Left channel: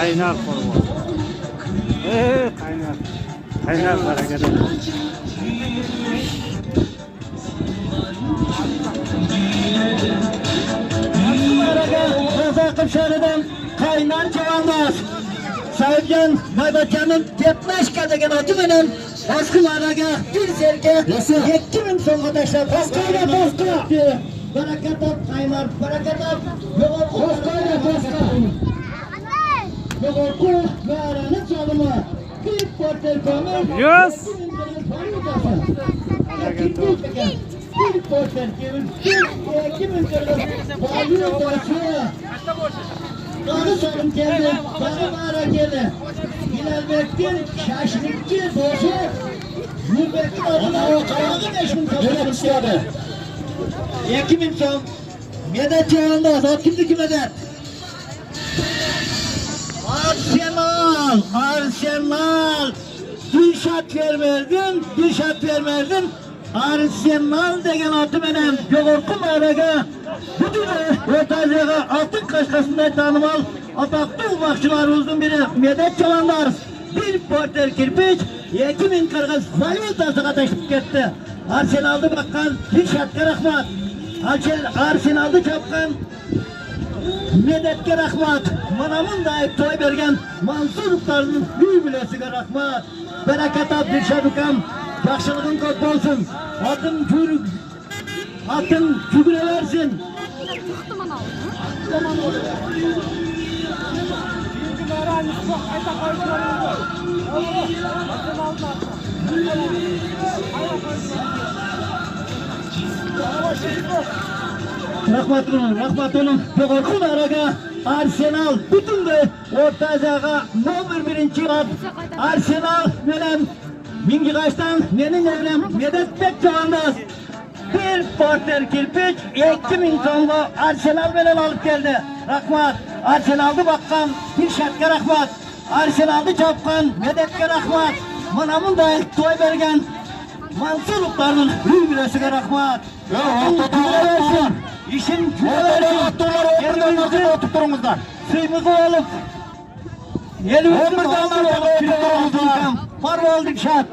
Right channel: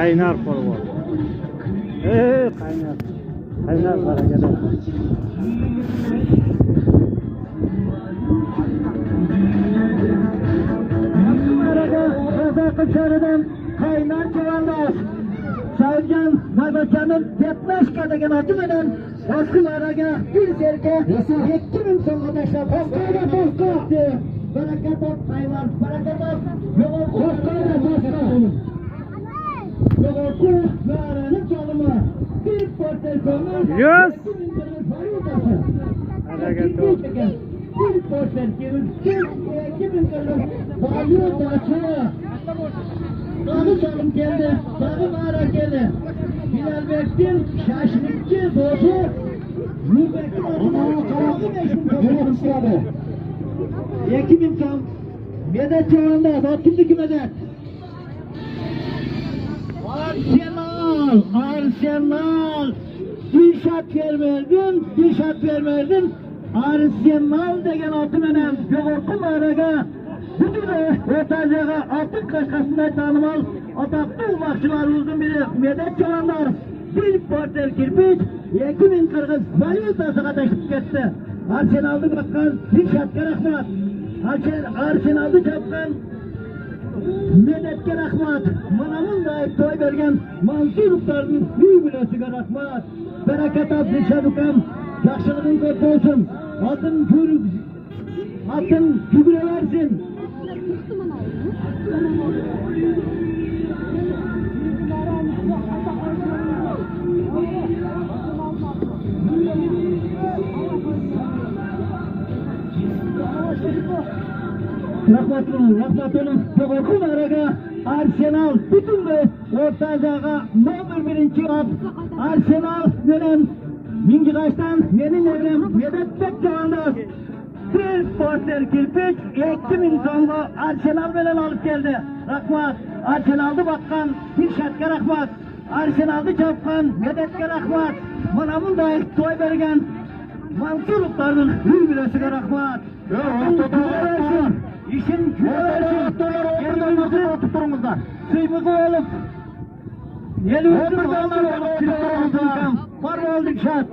Kaynar forvet. Kaynar. Kaynar bereket. Kıpşarı'dan Kaynar Civanlar. Sayın Maybakan'ın Depreşka degen adı bilen baskılarına bir serke 2000 son arkadaşlar baskıyla baskı bereket ol Kaynar bereket ol baskıyla baskı yoğurtlu ve aranı çalımı bir portel kömür Yes. bir portel kömür 2000 lira bağlıyor başlıyor. Doğru sorun geldi, doğru mağara geldi. Bilalbek'tin şaşırıkçı bozu, Nübek'in adına o kavağı 5000 kapıdan istiyordu. 2000 son, medet yolunda, hakimdeki medet. Arsenal, bir şart vermerdin, Arsenal degen adı benim, yoğurtlu mağaraga, bütün ortacığa altın kaşkasında tanımal, ataklı ufakçılarımızın biri, medet çalanlar, bir porter kirpiç, 2000 kırgız valyutasına taşıp gitti. Arsenal'da bakkan, bir şartka rahmat, Arsenal'da çapkan, medetke rahmat, manamın dahi toy bergen, Mansuruklarının büyü bilesiga rahmat, bereket ab Dilşadukam, yaxşılığın köp olsun, atın kübüre versin. Rahmat olun. Yoğurtun araga Arsenal bütün de ortacağa номер 1 at. Arsenal bilen Mingi Kaç'tan benim evrim Medetbek Çağandaz. Bir porter kirpiç 2000 tonla Arsenal bilen alıp geldi. Rahmat. Arsenal'da bakkan bir şartka rahmat. Arsenal'da çapkan Medetke rahmat. Manamın da toy bergen Mansuruklarının bir bilesiga rahmat. İşin küvelersin. Suyumuzu alıp elimizin var olduk şart.